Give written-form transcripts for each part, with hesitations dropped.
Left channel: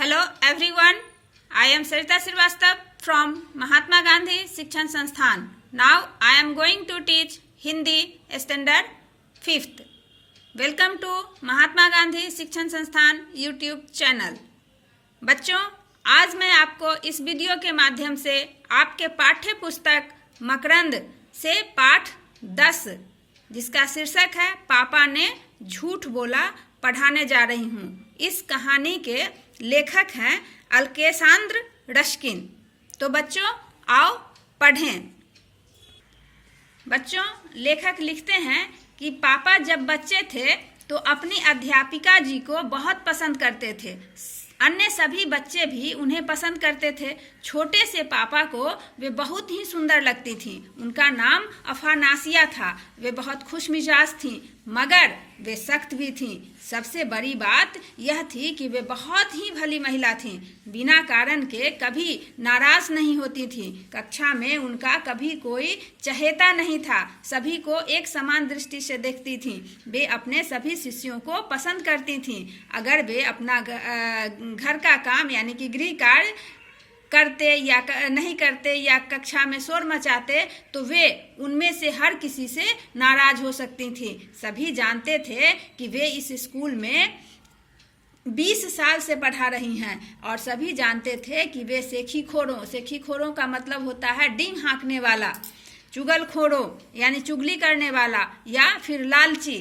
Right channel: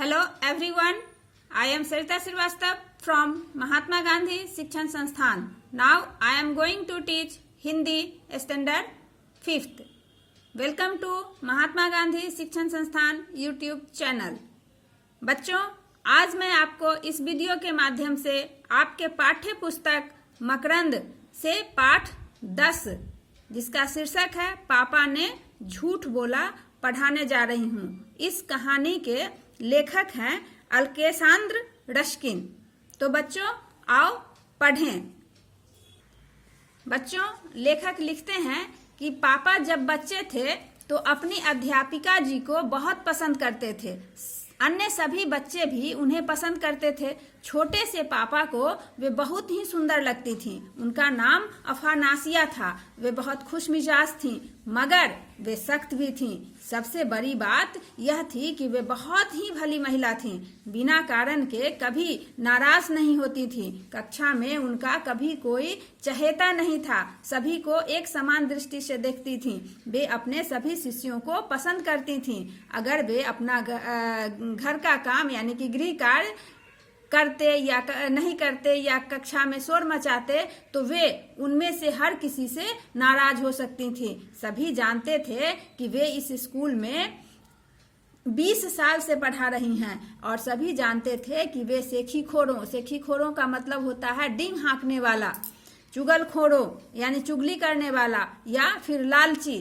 Hello everyone, I am Sarita Srivastava from Mahatma Gandhi Shikshan Sansthan. Now I am going to teach Hindi Standard 5th. Welcome to Mahatma Gandhi शिक्षण संस्थान YouTube channel. बच्चों, आज मैं आपको इस video के माध्यम से आपके पाठ्य पुस्तक मकरंद से पाठ 10 जिसका शीर्षक है पापा ने झूठ बोला पढ़ाने जा रही हूँ। इस कहानी के लेखक हैं अल्केसांद्र रश्किन। तो बच्चों आओ पढ़ें। बच्चों, लेखक लिखते हैं कि पापा जब बच्चे थे तो अपनी अध्यापिका जी को बहुत पसंद करते थे। अन्य सभी बच्चे भी उन्हें पसंद करते थे। छोटे से पापा को वे बहुत ही सुंदर लगती थी। उनका नाम अफानासिया था। वे बहुत खुशमिजाज थीं, मगर वे सख्त भी थीं। सबसे बड़ी बात यह थी कि वे बहुत ही भली महिला थीं। बिना कारण के कभी नाराज नहीं होती थीं। कक्षा में उनका कभी कोई चहेता नहीं था। सभी को एक समान दृष्टि से देखती थीं। वे अपने सभी शिष्यों को पसंद करती थीं। अगर वे अपना घर का काम यानी कि गृह कार्य करते या नहीं करते या कक्षा में शोर मचाते तो वे उनमें से हर किसी से नाराज हो सकती थीं। सभी जानते थे कि वे इस स्कूल में 20 साल से पढ़ा रही हैं और सभी जानते थे कि वे सेखीखोरों का मतलब होता है डींग हाँकने वाला, चुगलखोरों यानी चुगली करने वाला या फिर लालची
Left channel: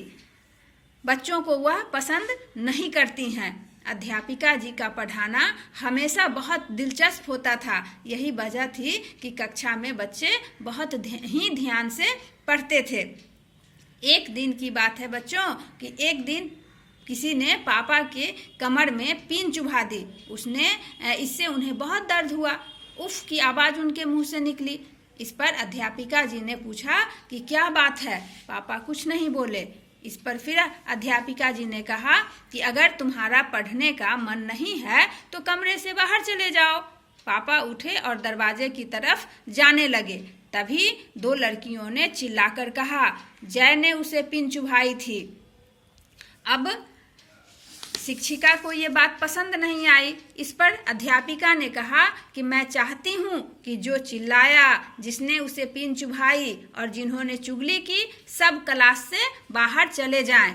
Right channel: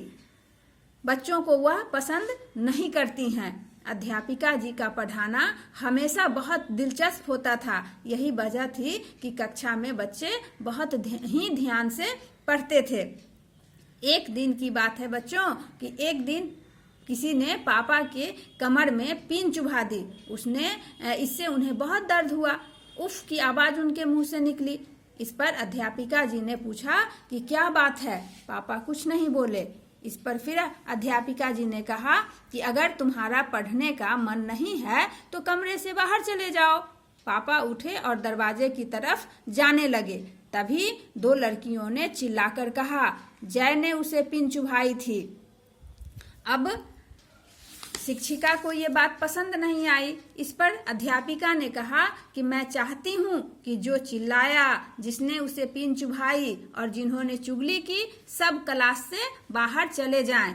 बच्चों को वह पसंद नहीं करती हैं। अध्यापिका जी का पढ़ाना हमेशा बहुत दिलचस्प होता था। यही वजह थी कि कक्षा में बच्चे बहुत ही ध्यान से पढ़ते थे। एक दिन की बात है बच्चों कि एक दिन किसी ने पापा के कमर में पिन चुभा दी। इससे उन्हें बहुत दर्द हुआ। उफ की आवाज़ उनके मुंह से निकली। इस पर अध्यापिका जी ने पूछा कि क्या बात है। पापा कुछ नहीं बोले। इस पर फिर अध्यापिका जी ने कहा कि अगर तुम्हारा पढ़ने का मन नहीं है तो कमरे से बाहर चले जाओ। पापा उठे और दरवाजे की तरफ जाने लगे। तभी दो लड़कियों ने चिल्लाकर कहा, जय ने उसे पिन चुभाई थी। अब शिक्षिका को ये बात पसंद नहीं आई। इस पर अध्यापिका ने कहा कि मैं चाहती हूँ कि जो चिल्लाया, जिसने उसे पिन चुभाई और जिन्होंने चुगली की सब क्लास से बाहर चले जाएं।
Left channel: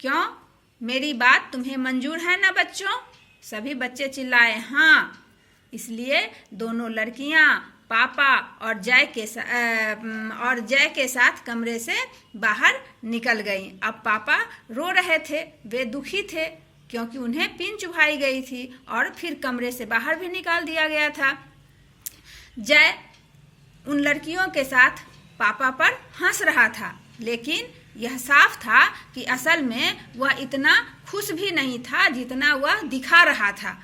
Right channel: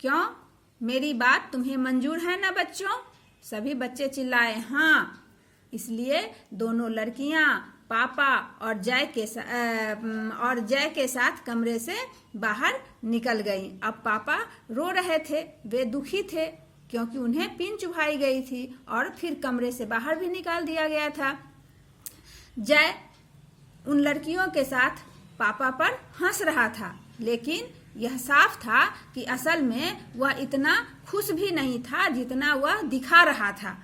क्यों? मेरी बात तुम्हें मंजूर है ना बच्चों? सभी बच्चे चिल्लाए हाँ। इसलिए दोनों लड़कियाँ पापा और जय के साथ कमरे से बाहर निकल गईं। अब पापा रो रहे थे। वे दुखी थे क्योंकि उन्हें पिन चुभाई गई थी और फिर कमरे से बाहर भी निकाल दिया गया था। जय उन लड़कियों के साथ पापा पर हंस रहा था, लेकिन यह साफ था कि असल में वह इतना खुश भी नहीं था जितना वह दिखा रहा था।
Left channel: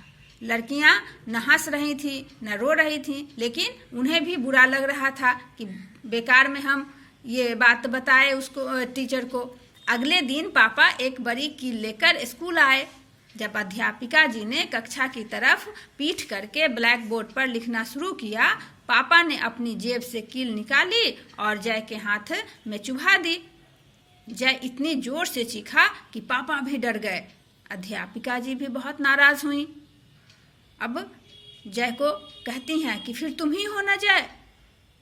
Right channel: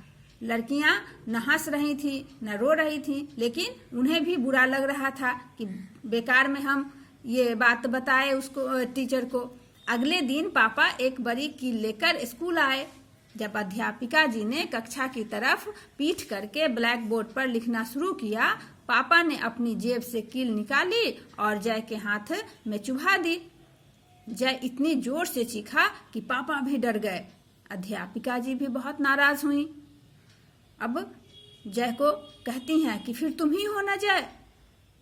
लड़कियां न हंस रही थी न रो रही थी, लेकिन उन्हें भी बुरा लग रहा था कि बेकार में हम ये बात बताए उसको, टीचर को। अगले दिन पापा एक बड़ी कील लेकर स्कूल आए। जब अध्यापिका जी ने कक्षा की तरफ पीठ करके ब्लैक बोर्ड पर लिखना शुरू किया, पापा ने अपनी जेब से कील निकाली और जय के हाथ में चुभा दी। जय इतनी जोर से चीखा कि पापा भी डर गए। अध्यापिका जी भी बहुत नाराज हुई। अब जय को कहती हैं कि फिर तुम ही हो ना जय।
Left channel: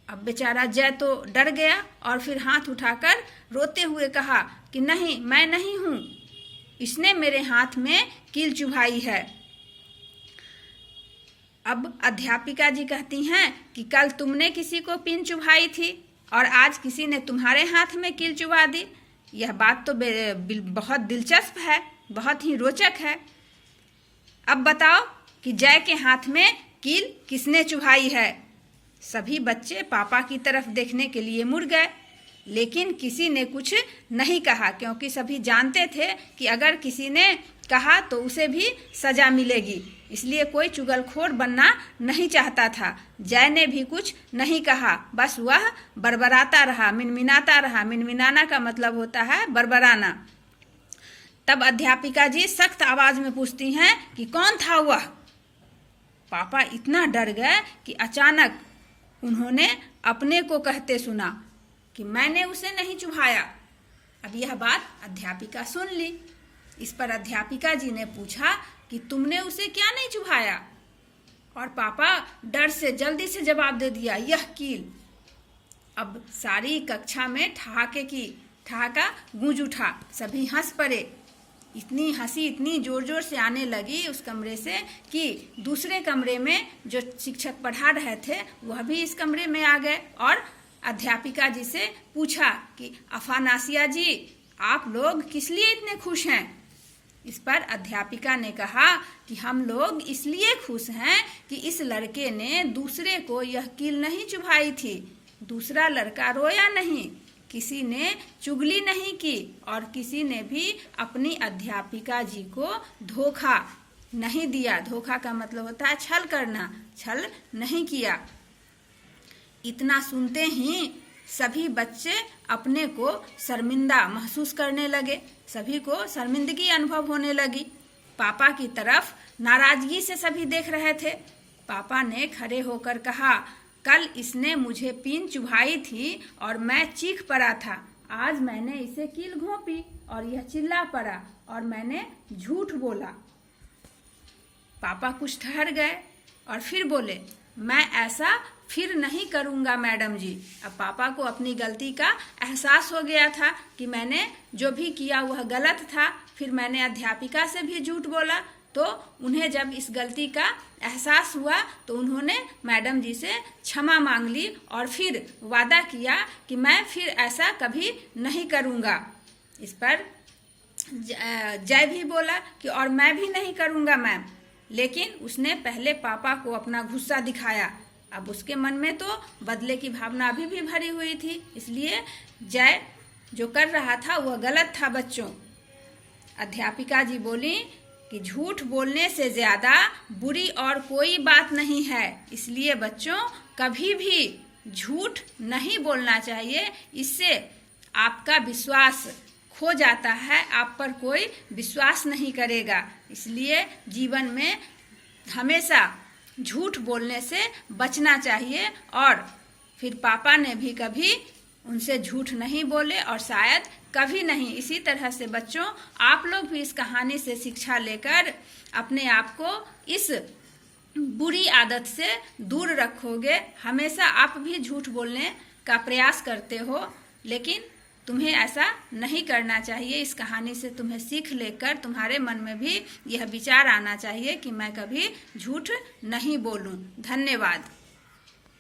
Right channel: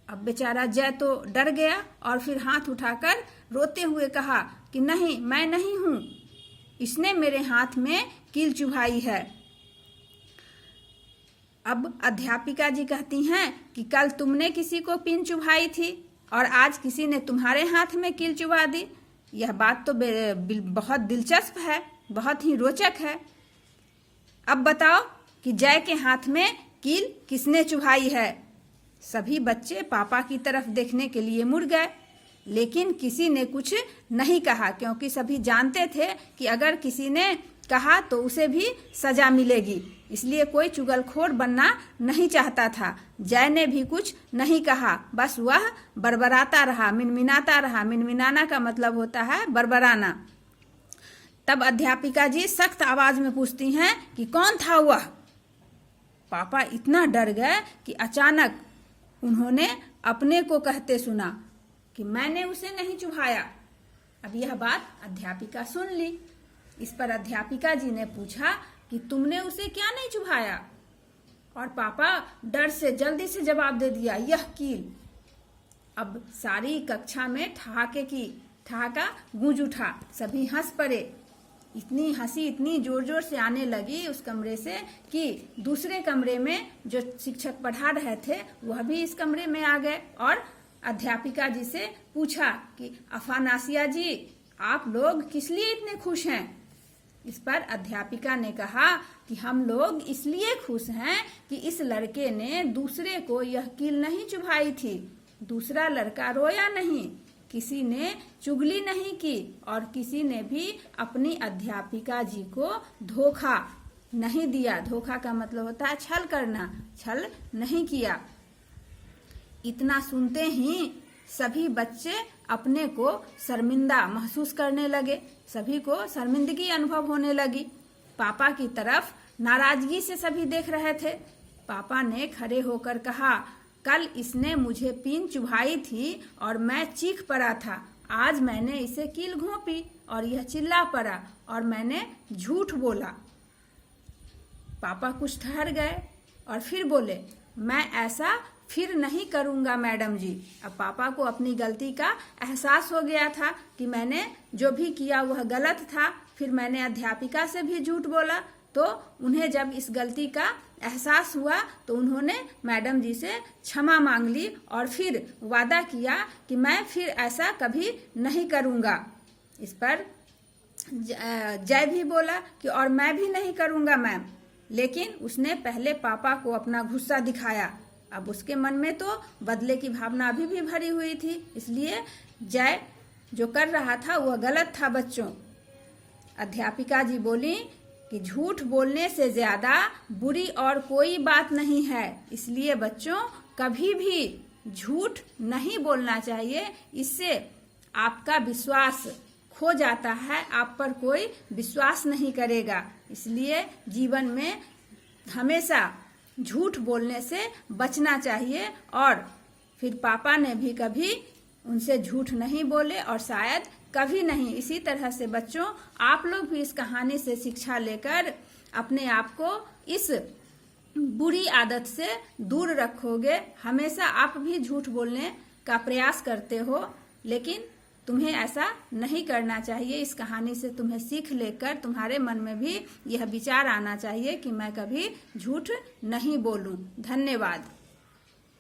अब बेचारा जय तो डर गया और फिर हाथ उठाकर रोते हुए कहा कि नहीं, मैं नहीं हूँ, इसने मेरे हाथ में कील चुभाई है। अब अध्यापिका जी कहती हैं कि कल तुमने किसी को पिन चुभाई थी और आज किसी ने तुम्हारे हाथ में कील चुभा दी। यह बात तो बहुत दिलचस्प है, बहुत ही रोचक है। अब बताओ कि जय के हाथ में कील किसने चुभाई है? सभी बच्चे पापा की तरफ देखने के लिए मुड़ गए, लेकिन किसी ने कुछ नहीं कहा क्योंकि सभी जानते थे कि अगर किसी ने कहा तो उसे भी सजा मिलेगी। इसलिए कोई चुगलखोर बनना नहीं चाहता था। जय ने भी कुछ नहीं कहा, बस वह बड़बड़ाता रहा, मिनमिनाता रहा। मिनमिनाना का मतलब होता है बड़बड़ाना। तब अध्यापिका जी सख्त आवाज में पूछती हैं कि कौन था वह? पापा इतना डर गए कि अचानक उन्होंने अपने को कहते सुना कि मैंने उसे नहीं चुभाया। अब यह बात अध्यापिका सुन ली। इस पर अध्यापिका जी ने पूछा कि तुमने उसे क्या नहीं चुभाया? और पापा डर से जल्दी से जवाब दे दिया, यह कील। अब सारी कक्षा में ठहाका गूंज उठा। सभी हंस पड़े। इतनी हंसी इतनी जोर जोर से आने लगी उस कमरे से कि दूसरे कमरे में जो शिक्षक पढ़ा रहे थे वह भी इस कमरे में आ गए और अध्यापिका जी से पूछा कि अफानासिया जी, आप लोग किस लिए इतने खुश हैं? इस पर अध्यापिका ने कहा कि हम लोग इसलिए खुश हैं कि इस लड़के ने दूसरे को यह कील नहीं चुभाई थी। दूसरा लड़का रोया नहीं, किसी ने चुगली नहीं की और किसी ने भी अपनी अध्यापिका जी को धोखा नहीं दिया। धोखा का मतलब होता है छल करना, छल नहीं किया। इतना सुनते ही सभी बच्चे अपने को शर्मिंदा महसूस करने लगे। सभी को शर्मिंदगी अनुभव होने लगी। पापा की तरफ नाराजगी से सभी देख रहे थे। पापा ने खड़े होकर कहा, कल इसने मुझे पीन चुभाई थी और मैं चीख पड़ा था। आज मैंने इसे कील घोंपी और यह चिल्ला पड़ा और मैंने झूठ बोला। पापा कुछ ठहर गए और फिर बोले, मैं ऐसा फिर नहीं करूंगा मैडम जी। अब पापा को अपनी गलती का एहसास हो गया था कि मैंने जो भी किया वह गलत था। फिर मैंने अध्यापिका से भी झूठ बोला। तो उन्हें जब इस गलती का एहसास हुआ तो उन्होंने मैडम जी से क्षमा मांग ली और फिर वादा किया कि मैं फिर ऐसा कभी नहीं करूंगा। इस पर जय भी बोला कि और मैं भी नहीं करूंगा मैम। लेकिन उसने पहले पापा को अपना गुस्सा दिखाया। अब उसके मन में तो बदले की भावना अभी भी भरी हुई थी। इसलिए जय जो कर रहा था वह गलत था बच्चों। अध्यापिका जी बोली कि झूठ बोलने से ज्यादा बुरी और कोई बात नहीं है। इसलिए बच्चों कभी भी झूठ नहीं बोलना चाहिए। इससे आपका विश्वास खो जाता है, आप पर कोई विश्वास नहीं करेगा। इसलिए जीवन में हमेशा झूठ बोलने से बचना चाहिए। और फिर पापा ने भी कभी उनसे झूठ नहीं बोले और शायद कभी नहीं। इसी तरह से बच्चों आप लोग भी इस कहानी से शिक्षा लेकर अपने आप को इस बुरी आदत से दूर रखोगे। हमेशा आप भी झूठ बोलने का प्रयास करते हो, लेकिन तुम्हें ऐसा नहीं करना चाहिए। इस कहानी से तुम्हें सीख लेकर तुम्हारे मन में भी यह विचार आना चाहिए कि मैं कभी झूठ नहीं बोलूं। धन्यवाद।